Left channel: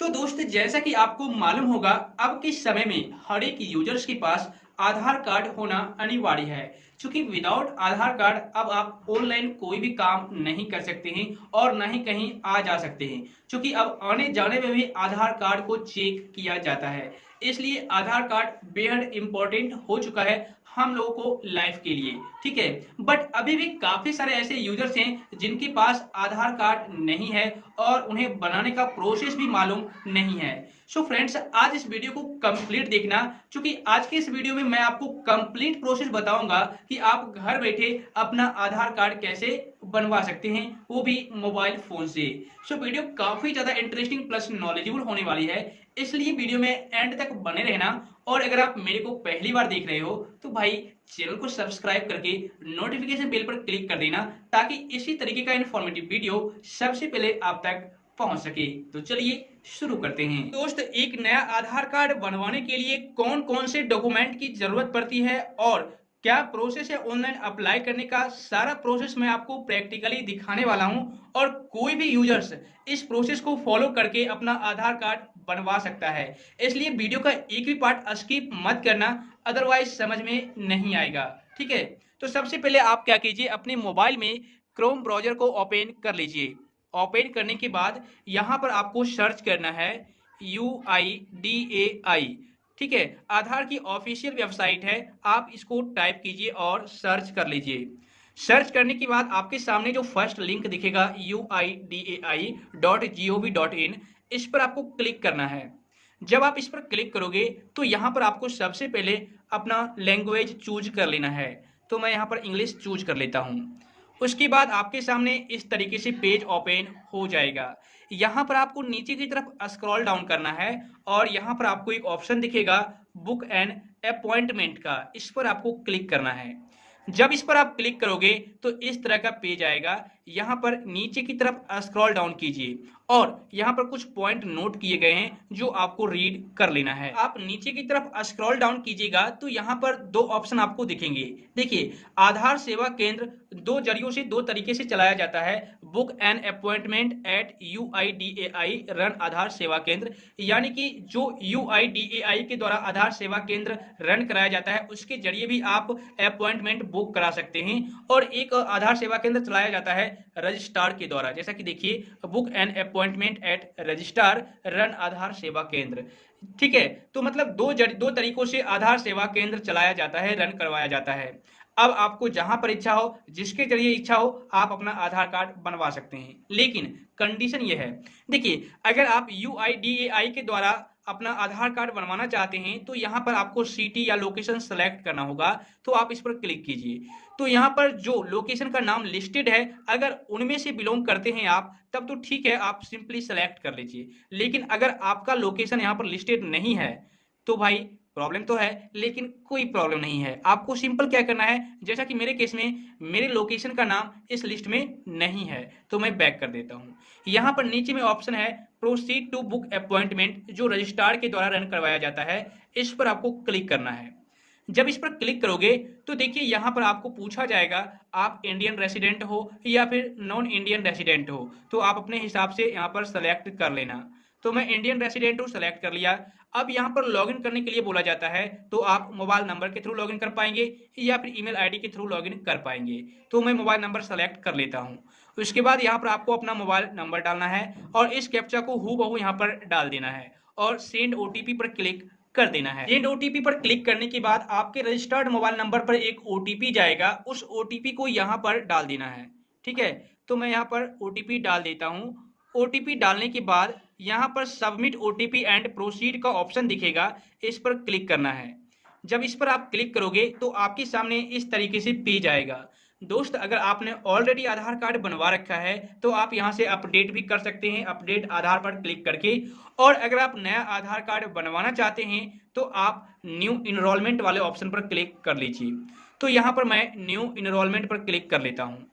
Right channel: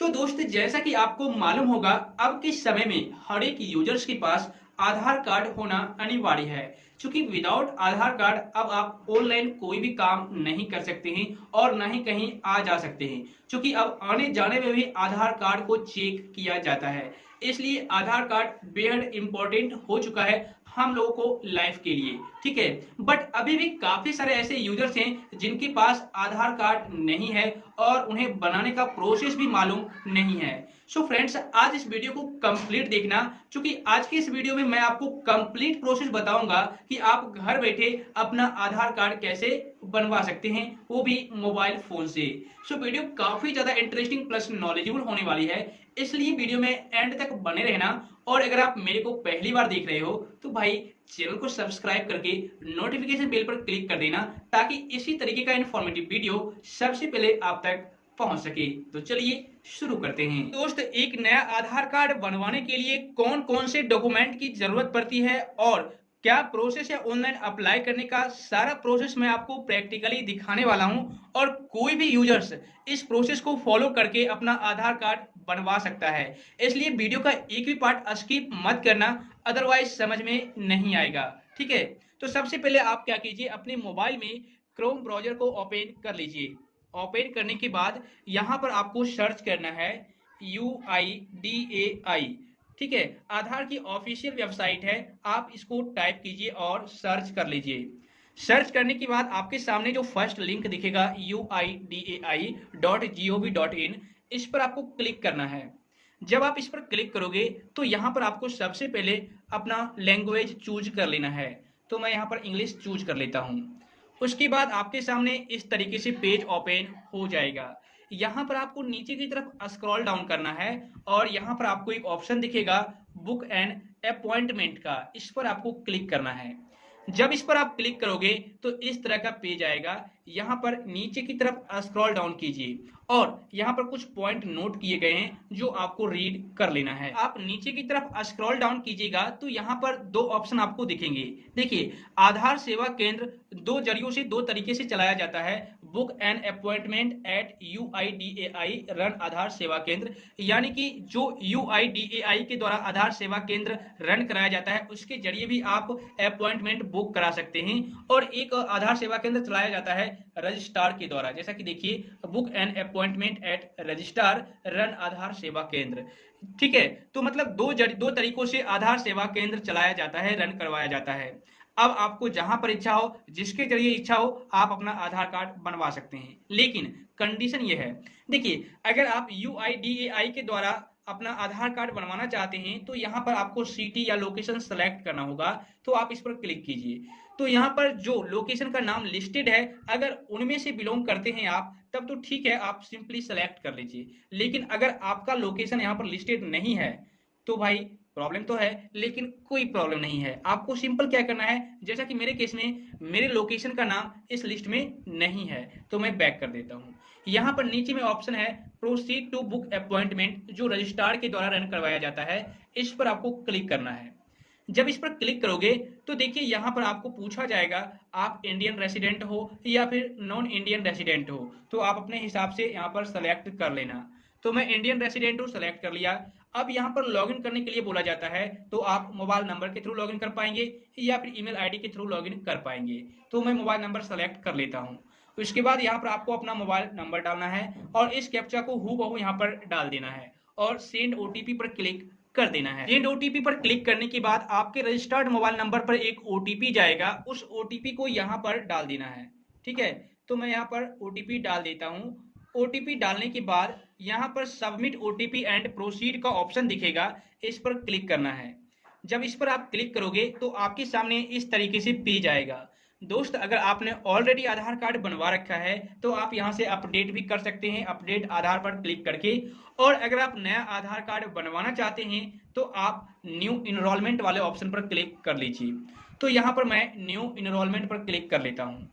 तो दोस्त जैसा कि आपको मालूम होगा अब के समय में हर एक यूजर्स के पास आधार कार्ड होना अनिवार्य है। क्योंकि विदाउट आधार कार्ड अब आप ऑनलाइन कोई भी काम नहीं कर सकते हैं और ना ही कहीं आ जा सकते हैं। क्योंकि अब आने जाने में भी आधार कार्ड को चेक किया जाता है। इसलिए आधार कार्ड बेहद इंपॉर्टेंट हो चुका है हम लोगों को लाइफ के लिए। ठीक है, बट अभी भी काफी सारे ऐसे यूजर्स हैं जिनके पास आधार कार्ड नहीं है और उन्हें बनाने का प्रोसेस भी मालूम नहीं है। सो फ्रेंड्स, आज इस वीडियो को कंप्लीट देखना, क्योंकि आज के इस वीडियो में मैं आपको कंप्लीट प्रोसेस बताऊंगा कि आप घर बैठे अपना आधार कार्ड कैसे बनवा सकते हैं, वो भी मोबाइल फोन से। सो वीडियो काफी ज्यादा इंटरेस्टिंग प्लस नॉलेजेबल होने वाली है, इसलिए वीडियो में एंड तक बने रहना। और अगर आप मेरे को पहली बार देख रहे हो तो भाई चैनल को सब्सक्राइब करके नोटिफिकेशन बेल पर क्लिक कर देना, ताकि इसी तरीके का इंफॉर्मेटिव वीडियो सबसे पहले आप तक पहुंच सके। तो चलिए शुरू करते हैं। दोस्त, एक नया आधार कार्ड बनवाने के लिए कौन कौन से डॉक्यूमेंट की जरूरत पड़ती है और क्या प्रोसेस है ऑनलाइन अप्लाई करने का, सारा प्रोसेस मैं आपको प्रैक्टिकली दिखाने वाला हूं। और कोई भी यूजर्स इस प्रोसेस को फॉलो करके अपना आधार कार्ड बनवा सकता है। इसलिए वीडियो का एक भी पार्ट स्किप मत करना, अदरवाइज समझ में नहीं आएगा। ठीक है, तो सबसे पहले आप क्या कीजिए, अपने मोबाइल में क्रोम ब्राउजर को ओपन कर लीजिए। ओपन करने के बाद यहाँ पर आपको सर्च करना है UIDAI। ठीक है, आधार की ऑफिशियल वेबसाइट है, आप इसको टाइप कीजिए और सर्च कर लीजिए। सर्च करने के बाद आपके सामने जो फर्स्ट लिंक दिखेगा UIDAI.gov.in, इस पर आपको क्लिक करना है। जब आप इस पर क्लिक करोगे तो यहाँ पर आपको सबसे पहले अपना लैंग्वेज चूज कर लेना है। तो मैं यहाँ पर इंग्लिश चूज कर लेता हूँ। उसके बाद आपके सामने इस तरीके से पेज ओपन हो जाएगा। यहाँ पर आपको नीचे की तरफ स्क्रॉल डाउन करना है और यहाँ पर आपको एक ऑप्शन दिखेगा बुक एन अपॉइंटमेंट का, इस पर आपको क्लिक करना है। जब इस पर आप क्लिक करोगे तो इस तरह का पेज आएगा। यहाँ पर नीचे की तरफ स्क्रॉल डाउन कीजिए और यहाँ पर कुछ पॉइंट नोट किए गए हैं जो आपको रीड कर लेना है। आप नीचे की तरफ स्क्रॉल डाउन कीजिएगा तो यहाँ पर दो ऑप्शन आपको दिखेंगे। देखिए, आधार सेवा केंद्र दो जरियों से दो तरीके से चलाया जाता है। Book an appointment at UIDAI run Aadhaar Seva Kendra, यानी कि जो UIDAI के द्वारा आधार सेवा केंद्र रन कराया जाता है उसके जरिए भी आप अपॉइंटमेंट बुक करा सकते हैं। और एक आधार सेवा केंद्र चलाया जाता है रजिस्ट्रार के द्वारा, जैसा कि देखिए book an appointment at registrar run Aadhaar Seva Kendra. ठीक है, तो मतलब दो तरीकों से आधार सेवा केंद्र चलाया जाता है, रन करवाया जाता है। अब आपको जहां पर इच्छा हो, जिसके जरिए इच्छा हो, आप अपना आधार कार्ड बनवा सकते हैं। लेकिन कंडीशन यह है, देखिए अगर आप UIDAI के द्वारा अपना आधार कार्ड बनवाना चाहते हैं तो यहाँ पर आपको सिटी या लोकेशन सेलेक्ट करना होगा। तो आप इस पर क्लिक कीजिए। तो यहाँ पर जो लोकेशन का नाम लिस्टेड है, अगर उनमें से बिलोंग करते हैं आप तब तो ठीक है, आप सिंपली सेलेक्ट कर लीजिए। लेकिन अगर आपका लोकेशन यहाँ पर लिस्टेड नहीं है तो भाई प्रॉब्लम तो है, लेकिन कोई प्रॉब्लम नहीं है। आपको सिंपल क्या करना है, जैसा कि मेरे केस में मेरे लोकेशन का नाम इस लिस्ट में नहीं है तो मैं बैक कर देता हूँ। यहाँ पर नीचे में ऑप्शन है प्रोसीड टू बुक अपॉइंटमेंट, जो रजिस्ट्रार के द्वारा रन करवाया जाता है, इस पर आपको क्लिक करना है। जब इस पर क्लिक करोगे तो देखिए यहाँ पर आपको पूछा जाएगा आप इंडियन रेसिडेंट हो या फिर नॉन इंडियन रेसिडेंट हो। तो आप अपने हिसाब से यहाँ पर सेलेक्ट कर लेना। तो मैं इंडियन रेसिडेंट हूँ, सेलेक्ट कर लिया। अब यहाँ पर लॉगिन करने के लिए बोला जाता है, तो आप मोबाइल नंबर के थ्रू लॉगिन कर पाएंगे या फिर ईमेल आईडी के थ्रू लॉगिन कर पाएंगे। तो मैं मोबाइल नंबर सेलेक्ट कर लेता हूँ। उसके बाद यहाँ पर आपको अपना मोबाइल नंबर डालना है और इस कैप्चा को हूबहू यहाँ पर डाल देना है और सेंड OTP पर क्लिक कर देना है। सेंड OTP पर क्लिक करने के बाद आपके रजिस्टर्ड मोबाइल नंबर पर एक OTP जाएगा, उस OTP को यहाँ पर डाल देना है। ठीक है, तो मैं यहाँ पर OTP डाल देता हूँ। OTP डालने के बाद यहाँ पर सबमिट OTP एंड प्रोसीड का ऑप्शन दिखेगा, इस पर क्लिक करना है। जब इस पर आप क्लिक करोगे तो आपके सामने इस तरीके से पेज आएगा। दोस्त, अगर आपने ऑलरेडी आधार कार्ड बनवा रखा है तो आप यहाँ से अपडेट भी कर सकते हैं, अपडेट आधार पर क्लिक करके। और अगर आप नया आधार कार्ड बनवाना चाहते हैं तो आप न्यू इनरोलमेंट वाले ऑप्शन पर क्लिक कर लीजिए। तो यहाँ पर मैं न्यू इनरोलमेंट पर क्लिक कर लेता हूँ।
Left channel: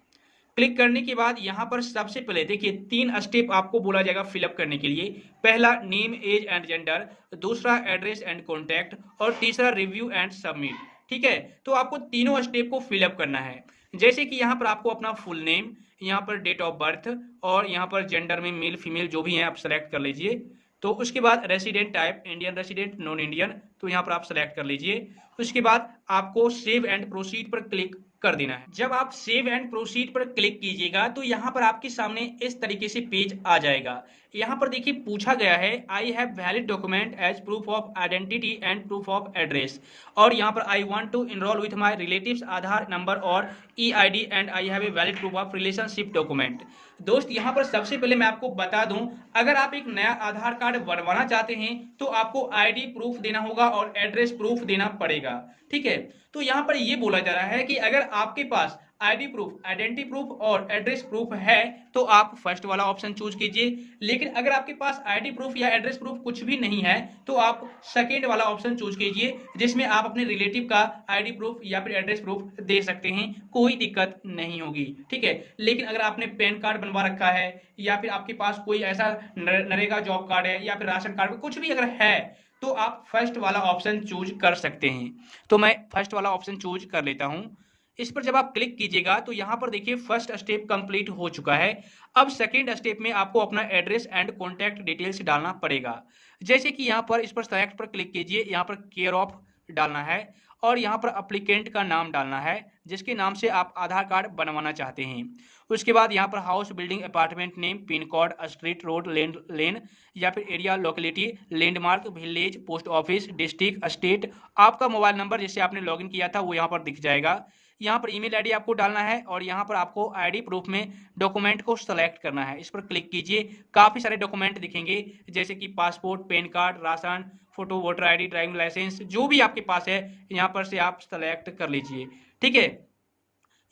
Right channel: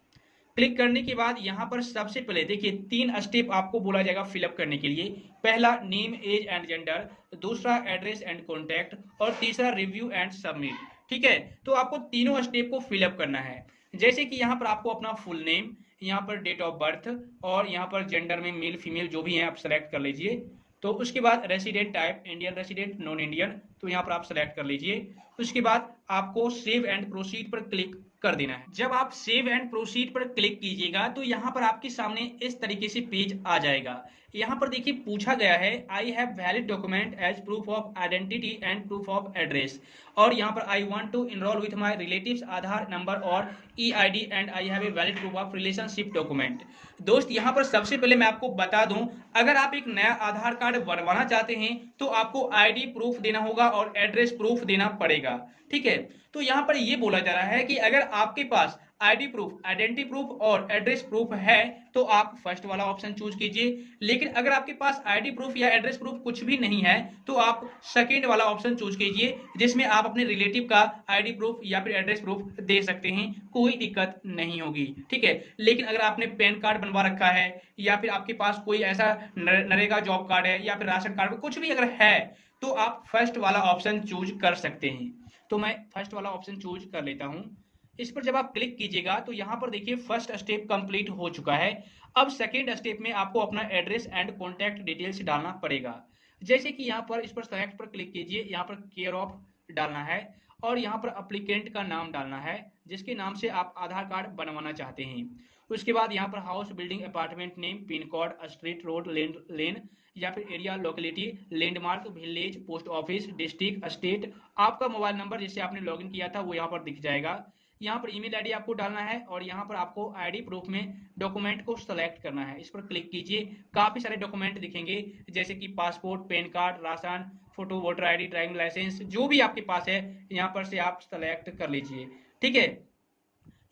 क्लिक करने के बाद यहाँ पर सबसे पहले देखिए 3 स्टेप आपको बोला जाएगा फिलअप करने के लिए। पहला नेम एज एंड जेंडर, दूसरा एड्रेस एंड कॉन्टैक्ट और तीसरा रिव्यू एंड सबमिट। ठीक है, तो आपको तीनों स्टेप को फिलअप करना है। जैसे कि यहाँ पर आपको अपना फुल नेम, यहाँ पर डेट ऑफ बर्थ और यहाँ पर जेंडर में मेल फीमेल जो भी है आप सेलेक्ट कर लीजिए। तो उसके बाद resident type Indian resident, non Indian, तो यहाँ पर आप सेलेक्ट कर लीजिए। उसके बाद आपको सेव एंड प्रोसीड पर क्लिक कर देना है। जब आप सेव एंड प्रोसीड पर क्लिक कीजिएगा तो यहाँ पर आपके सामने इस तरीके से पेज आ जाएगा। यहाँ पर देखिए पूछा गया है I have valid document as proof of identity and proof of address, और यहाँ पर I want to enroll with my relatives Aadhaar number और EID and I have a valid proof of relationship document. दोस्त यहाँ पर सबसे पहले मैं आपको बता दूं, अगर आप एक नया आधार कार्ड बनवाना चाहते हैं तो आपको आईडी प्रूफ देना होगा और एड्रेस प्रूफ देना पड़ेगा। ठीक है, तो यहाँ पर ये बोला जा रहा है कि अगर आपके पास आईडी प्रूफ, आइडेंटिटी प्रूफ और एड्रेस प्रूफ है तो आप फर्स्ट वाला ऑप्शन चूज कीजिए, लेकिन अगर आपके पास आईडी प्रूफ या एड्रेस प्रूफ कुछ भी नहीं है तो आप सेकेंड वाला ऑप्शन चूज कीजिए, जिसमें आप अपने रिलेटिव का आईडी प्रूफ या फिर एड्रेस प्रूफ दे सकते हैं, कोई दिक्कत नहीं होगी। ठीक है, लेकिन अगर आपने पैन कार्ड बनवा रखा है या फिर आपके पास कोई ऐसा नरेगा जॉब कार्ड है या फिर राशन कार्ड कुछ भी अगर है तो आप फर्स्ट वाला ऑप्शन चूज कर सकते हैं। तो मैं फर्स्ट वाला ऑप्शन चूज कर लेता हूं। इस पर जब आप क्लिक कीजिएगा तो यहाँ पर देखिए फर्स्ट स्टेप कंप्लीट हो चुका है। अब सेकेंड स्टेप में आपको अपना एड्रेस एंड कॉन्टैक्ट डिटेल्स डालना पड़ेगा। जैसे कि यहाँ पर इस पर सेलेक्ट पर क्लिक कीजिए, यहाँ पर केयर ऑफ डालना है और यहाँ पर अप्लीकेंट का नाम डालना है जिसके नाम से आप आधार कार्ड बनवाना चाहते हैं। उसके बाद यहाँ पर house, building, apartment name, pin code, street, road, lane या फिर area, locality, landmark, village, post office, district, state, आपका मोबाइल नंबर जिससे आपने लॉगिन किया था वो यहाँ पर दिख जाएगा। यहाँ पर ईमेल आईडी आपको डालना है और यहाँ पर आपको आईडी प्रूफ में डॉक्यूमेंट को सेलेक्ट करना है। इस पर क्लिक कीजिए, काफ़ी सारे डॉक्यूमेंट दिखेंगे जैसे कि passport, PAN card, ration, photo, voter ID, driving licence, जो भी आपके पास है यहाँ पर से आप सेलेक्ट कर लीजिए। ठीक है,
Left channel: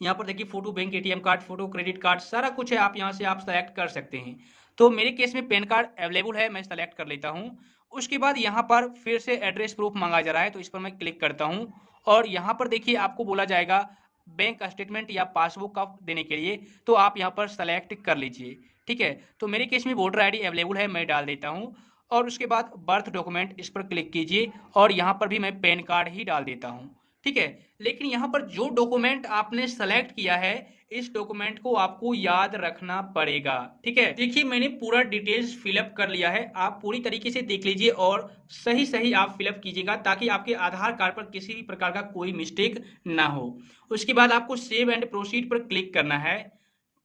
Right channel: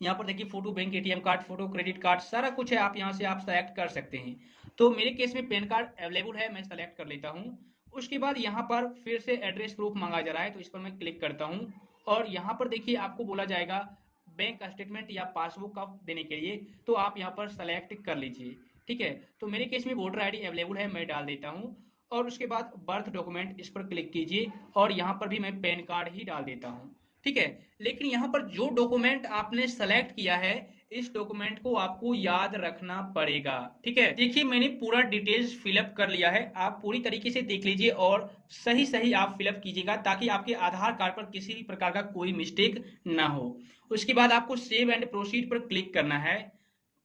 यहाँ पर देखिए photo, bank ATM card, photo, credit card, सारा कुछ है, आप यहाँ से आप सेलेक्ट कर सकते हैं। तो मेरे केस में पैन कार्ड अवेलेबल है, मैं सेलेक्ट कर लेता हूँ। उसके बाद यहाँ पर फिर से एड्रेस प्रूफ मांगा जा रहा है तो इस पर मैं क्लिक करता हूँ और यहाँ पर देखिए आपको बोला जाएगा बैंक स्टेटमेंट या पासबुक का देने के लिए, तो आप यहाँ पर सेलेक्ट कर लीजिए। ठीक है, तो मेरे केस में वोटर आईडी अवेलेबल है, मैं डाल देता हूँ। और उसके बाद बर्थ डॉक्यूमेंट, इस पर क्लिक कीजिए और यहाँ पर भी मैं पैन कार्ड ही डाल देता हूँ। ठीक है, लेकिन यहाँ पर जो डॉक्यूमेंट आपने सेलेक्ट किया है इस डॉक्यूमेंट को आपको याद रखना पड़ेगा। ठीक है, देखिए मैंने पूरा डिटेल्स फिलअप कर लिया है, आप पूरी तरीके से देख लीजिए और सही सही आप फिलअप कीजिएगा ताकि आपके आधार कार्ड पर किसी भी प्रकार का कोई मिस्टेक ना हो। उसके बाद आपको सेव एंड प्रोसीड पर क्लिक करना है।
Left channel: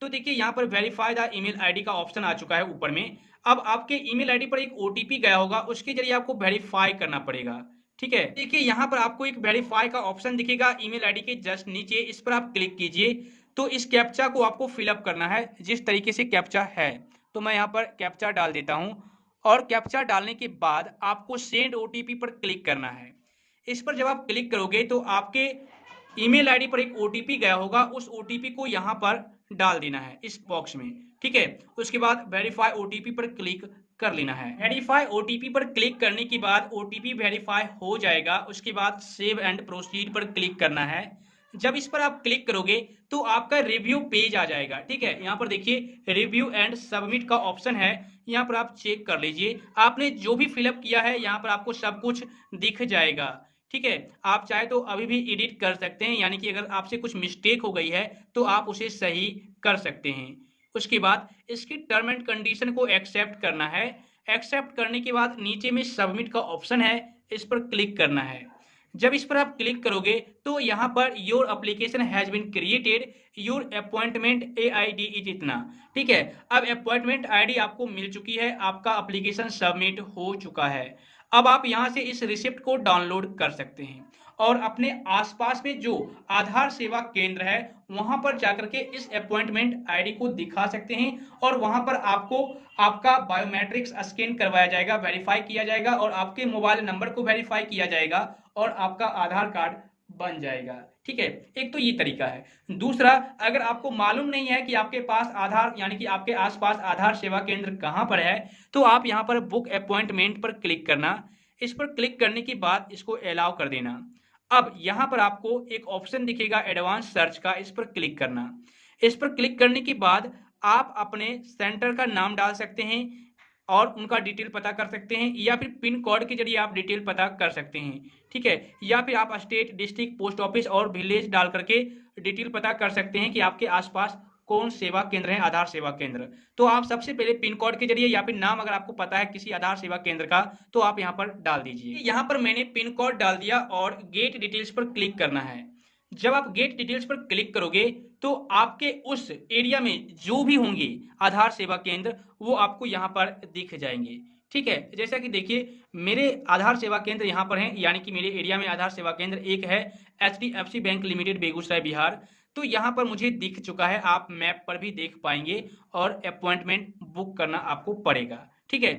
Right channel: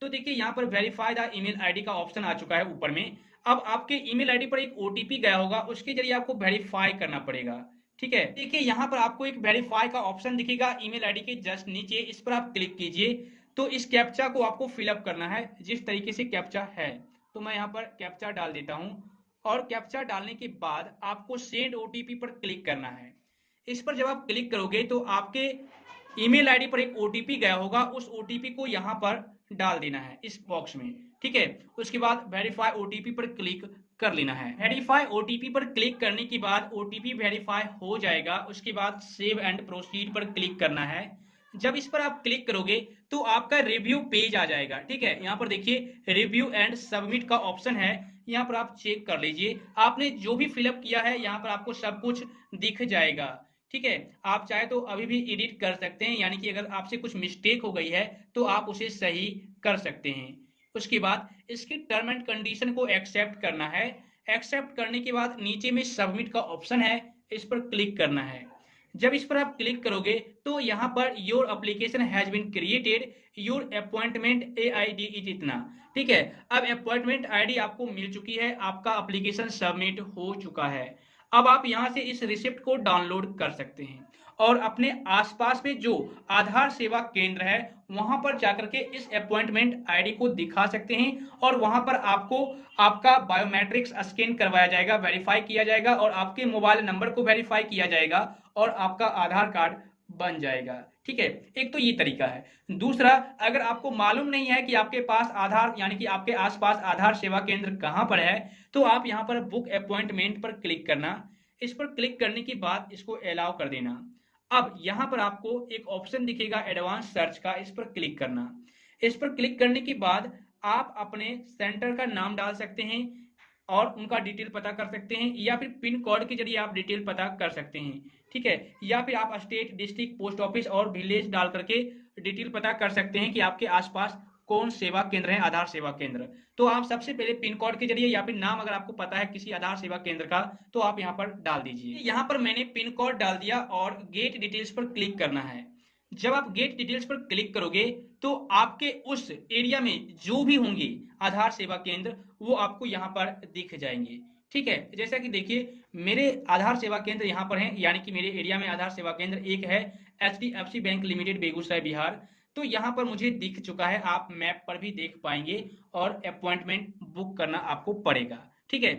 तो देखिए यहाँ पर वेरीफाई द ईमेल आईडी का ऑप्शन आ चुका है ऊपर में। अब आपके ईमेल आईडी पर एक ओटीपी गया होगा, उसके जरिए आपको वेरीफाई करना पड़ेगा। ठीक है, देखिए यहाँ पर आपको एक वेरीफाई का ऑप्शन दिखेगा ईमेल आईडी के जस्ट नीचे, इस पर आप क्लिक कीजिए। तो इस कैप्चा को आपको फिलअप करना है जिस तरीके से कैप्चा है। तो मैं यहाँ पर कैप्चा डाल देता हूँ और कैप्चा डालने के बाद आपको सेंड ओटीपी पर क्लिक करना है। इस पर जब आप क्लिक करोगे तो आपके ईमेल आईडी पर एक ओटीपी गया होगा, उस ओटीपी को यहाँ पर डाल देना है इस बॉक्स में। ठीक है, उसके बाद वेरीफाई ओटीपी पर क्लिक कर लेना है। वेरीफाई ओटीपी पर क्लिक करने के बाद ओटीपी वेरीफाई हो जाएगा। उसके बाद सेव एंड प्रोसीड पर क्लिक करना है। जब इस पर आप क्लिक करोगे तो आपका रिव्यू पेज आ जाएगा। ठीक है, यहाँ पर देखिए रिव्यू एंड सबमिट का ऑप्शन है, यहाँ पर आप चेक कर लीजिए। आपने जो भी फिलअप किया है यहाँ पर आपको सब कुछ दिख जाएगा। ठीक है, आप चाहे तो अभी भी एडिट कर सकते हैं, यानी कि अगर आपसे कुछ मिस्टेक हो गई है तो आप उसे सही कर सकते हैं। उसके बाद इसकी टर्म एंड कंडीशन को एक्सेप्ट करना है। एक्सेप्ट करने के बाद नीचे में सबमिट का ऑप्शन है, इस पर क्लिक करना है। जब इस पर आप क्लिक करोगे तो यहाँ पर your application has been created, your appointment AID is इतना। ठीक है, अब अपॉइंटमेंट आईडी आपको मिल चुकी है, आपका एप्लीकेशन सबमिट हो चुका है। अब आप यहाँ से इस रिसिप्ट को डाउनलोड कर सकते हैं और अपने आसपास में जो आधार सेवा केंद्र है वहां पर जाकर के इस अपॉइंटमेंट आईडी को दिखा सकते हैं और वहां पर आपको आपका बायोमेट्रिक्स स्कैन करवाया जाएगा, वेरीफाई किया जाएगा और आपके मोबाइल नंबर को वेरीफाई किया जाएगा और आपका आधार कार्ड बन जाएगा। ठीक है, एक तो ये तरीका है। दूसरा, अगर आपको मालूम नहीं है कि आपके पास आधार यानी कि आपके आसपास आधार सेवा केंद्र कहां पर है तो आप यहां पर बुक अपॉइंटमेंट पर क्लिक करना। इस पर क्लिक करने के बाद इसको अलाउ कर देना। अब यहां पर आपको एक ऑप्शन दिखेगा एडवांस सर्च का, इस पर क्लिक करना। इस पर क्लिक करने के बाद आप अपने सेंटर का नाम डाल सकते हैं और उनका डिटेल पता कर सकते हैं या फिर पिन कोड के जरिए आप डिटेल पता कर सकते हैं। ठीक है, या फिर आप स्टेट, डिस्ट्रिक्ट, पोस्ट ऑफिस और विलेज डाल करके डिटेल पता कर सकते हैं कि आपके आसपास कौन सेवा केंद्र है, आधार सेवा केंद्र। तो आप सबसे पहले पिन कोड के जरिए या फिर नाम अगर आपको पता है किसी आधार सेवा केंद्र का तो आप यहाँ पर डाल दीजिए। यहाँ पर मैंने पिन कोड डाल दिया और गेट डिटेल्स पर क्लिक करना है। जब आप गेट डिटेल्स पर क्लिक करोगे तो आपके उस एरिया में जो भी होंगे आधार सेवा केंद्र वो आपको यहाँ पर दिख जाएंगे। ठीक है, जैसा कि देखिए मेरे आधार सेवा केंद्र यहाँ पर हैं, यानी कि मेरे एरिया में आधार सेवा केंद्र एक है HDFC bank limited Begusarai Bihar. तो यहाँ पर मुझे दिख चुका है, आप मैप पर भी देख पाएंगे और अपॉइंटमेंट बुक करना आपको पड़ेगा। ठीक है,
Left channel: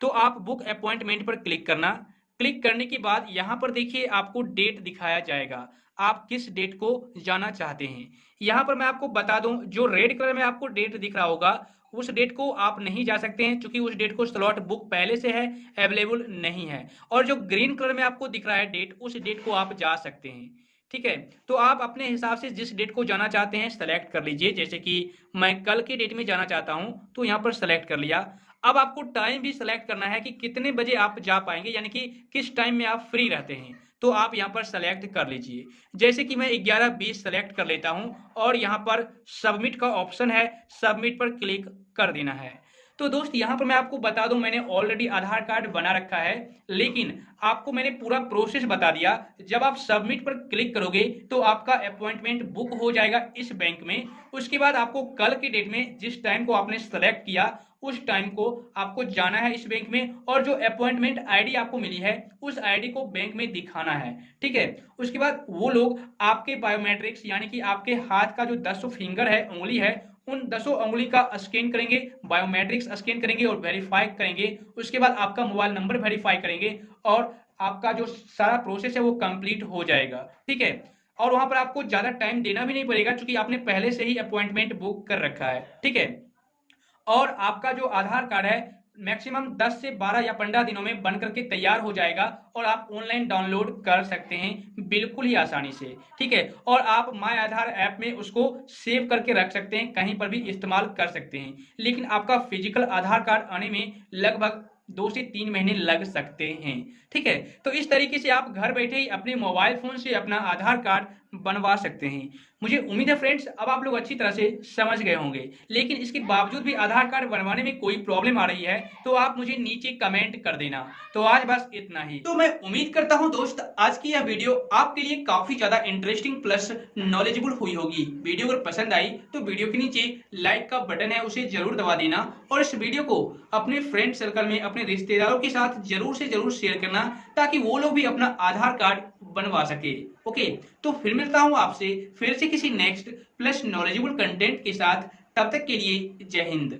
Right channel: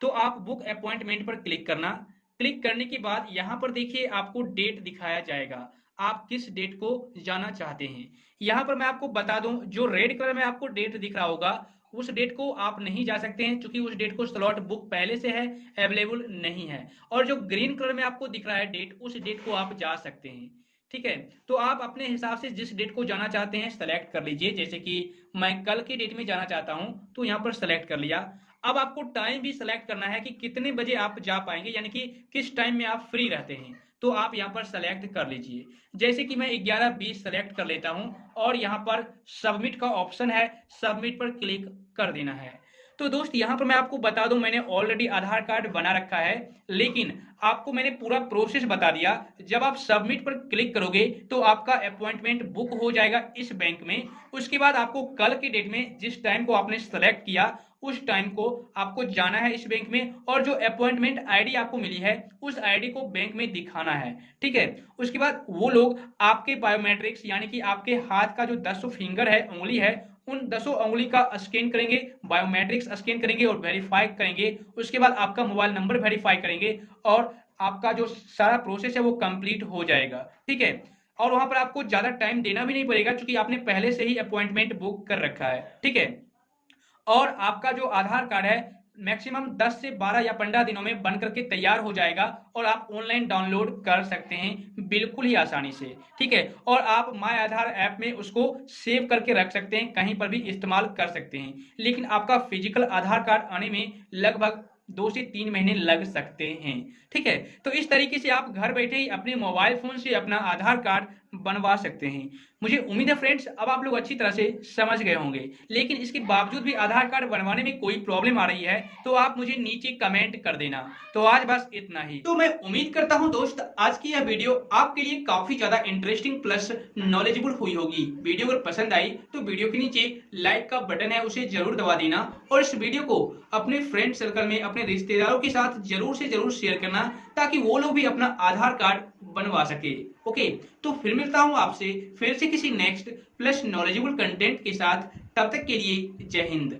तो आप बुक अपॉइंटमेंट पर क्लिक करना। क्लिक करने के बाद यहाँ पर देखिए आपको डेट दिखाया जाएगा, आप किस डेट को जाना चाहते हैं। यहाँ पर मैं आपको बता दूं, जो रेड कलर में आपको डेट दिख रहा होगा उस डेट को आप नहीं जा सकते हैं, क्योंकि उस डेट को स्लॉट बुक पहले से है, अवेलेबल नहीं है। और जो ग्रीन कलर में आपको दिख रहा है डेट, उस डेट को आप जा सकते हैं। ठीक है, तो आप अपने हिसाब से जिस डेट को जाना चाहते हैं सेलेक्ट कर लीजिए। जैसे कि मैं कल की डेट में जाना चाहता हूं तो यहाँ पर सेलेक्ट कर लिया। अब आपको टाइम भी सेलेक्ट करना है कि कितने बजे आप जा पाएंगे, यानी कि किस टाइम में आप फ्री रहते हैं, तो आप यहाँ पर सेलेक्ट कर लीजिए। जैसे कि मैं 11:20 सेलेक्ट कर लेता हूं और यहाँ पर सबमिट का ऑप्शन है, सबमिट पर क्लिक कर देना है। तो दोस्त यहाँ पर मैं आपको बता दूं, मैंने ऑलरेडी आधार कार्ड बना रखा है, लेकिन आपको मैंने पूरा प्रोसेस बता दिया। जब आप सबमिट पर क्लिक करोगे तो आपका अपॉइंटमेंट बुक हो जाएगा इस बैंक में। उसके बाद आपको कल की डेट में जिस टाइम को आपने सेलेक्ट किया उस टाइम को आपको जाना है इस बैंक में, और जो अपॉइंटमेंट आईडी आपको मिली है उस आईडी को बैंक में दिखाना है। ठीक है, उसके बाद वो लोग आपके बायोमेट्रिक्स यानी कि आपके हाथ का जो 10 फिंगर है, उंगली है, उन 10 उंगली का स्कैन करेंगे, बायोमेट्रिक्स स्कैन करेंगे और वेरीफाई करेंगे। उसके बाद आपका मोबाइल नंबर वेरीफाई करेंगे और आपका जो सारा प्रोसेस है वो कंप्लीट हो जाएगा। ठीक है, और वहां पर आपको ज्यादा टाइम देना भी नहीं पड़ेगा, क्योंकि आपने पहले से ही अपॉइंटमेंट बुक कर रखा है। ठीक है, और आपका जो आधार कार्ड है मैक्सिमम 10 से 12 या 15 दिनों में बन करके तैयार हो जाएगा और आप ऑनलाइन डाउनलोड कर सकते हैं बिल्कुल ही आसानी से। ठीक है, और आप माय आधार ऐप में उसको सेव करके रख सकते हैं, कहीं पर भी इस्तेमाल कर सकते हैं। लेकिन आपका फिजिकल आधार कार्ड आने में लगभग 2 से 3 महीने लग सकते हैं। ठीक है, तो इस तरीके से आप घर बैठे ही अपने मोबाइल फोन से अपना आधार कार्ड बनवा सकते हैं। मुझे उम्मीद है फ्रेंड्स अब आप लोग अच्छी तरह से समझ गए होंगे, लेकिन इसके बावजूद भी आधार कार्ड बनवाने में कोई प्रॉब्लम आ रही है तो आप मुझे नीचे कमेंट कर देना। तो आज बस इतना ही। तो मैं उम्मीद करता हूं दोस्त आज की यह वीडियो आपके लिए काफी ज्यादा इंटरेस्टिंग प्लस नॉलेजेबल हुई होगी। वीडियो अगर पसंद आई तो वीडियो के नीचे लाइक का बटन है उसे जरूर दबा देना, और इस वीडियो को अपने फ्रेंड सर्कल में अपने रिश्तेदारों के साथ जरूर से जरूर शेयर करना, ताकि वो लोग भी अपना आधार कार्ड बनवा सके। ओके, तो फिर मिलता हूं आपसे फिर से किसी नेक्स्ट प्लस नॉलेजेबल कंटेंट के साथ। तब तक के लिए जय हिंद।